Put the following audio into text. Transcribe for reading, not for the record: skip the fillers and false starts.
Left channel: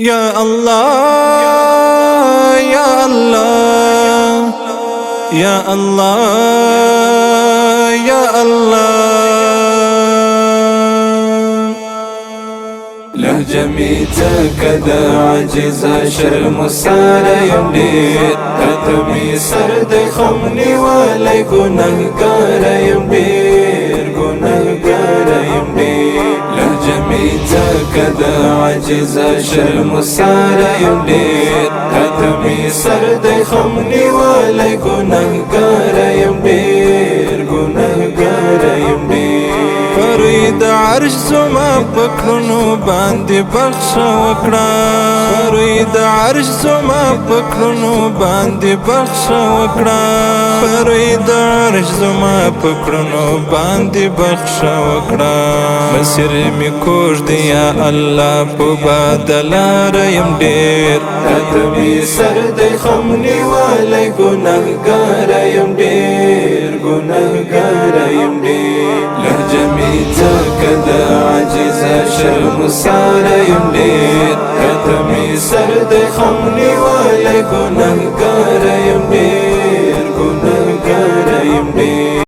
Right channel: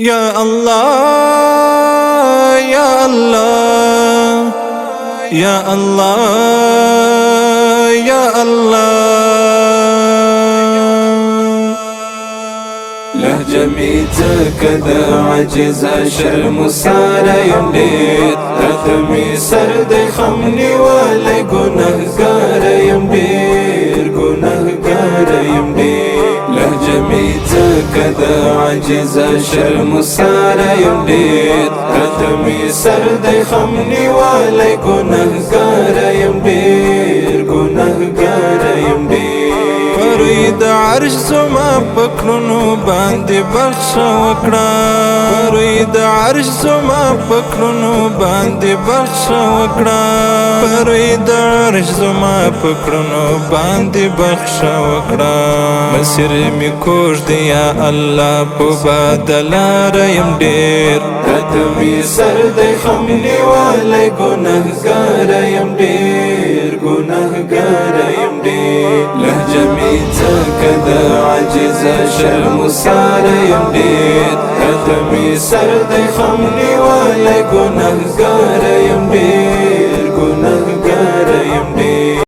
يا الله يا الله يا الله يا الله. لهجة ميتة كذا عجز شرم سار يمدير كاتمي سرد خمني ولا قنهقار يمدير قنهقار يمدير. لهجة ميتة كذا عجز شرم سار يمدير كاتمي سرد خمني ولا قنهقار يمدير قنهقار يمدير. فرید عرش زما پکلونو باندې بخښ وکړه فرید عرش زما پکلونو باندې بخښ وکړه فرید عرش زما پکلونو باندې بخښ وکړه. مسیر می کوږ دی یا الله په بدلار یم ډیر کته می سر د خم نیولی ګناهګار یم ډیر ګناهګار یم ډیر. لهجه ميتة كذا عجز شرم سار يمدير كتمي سرد خمني ولا قنهقار يمدير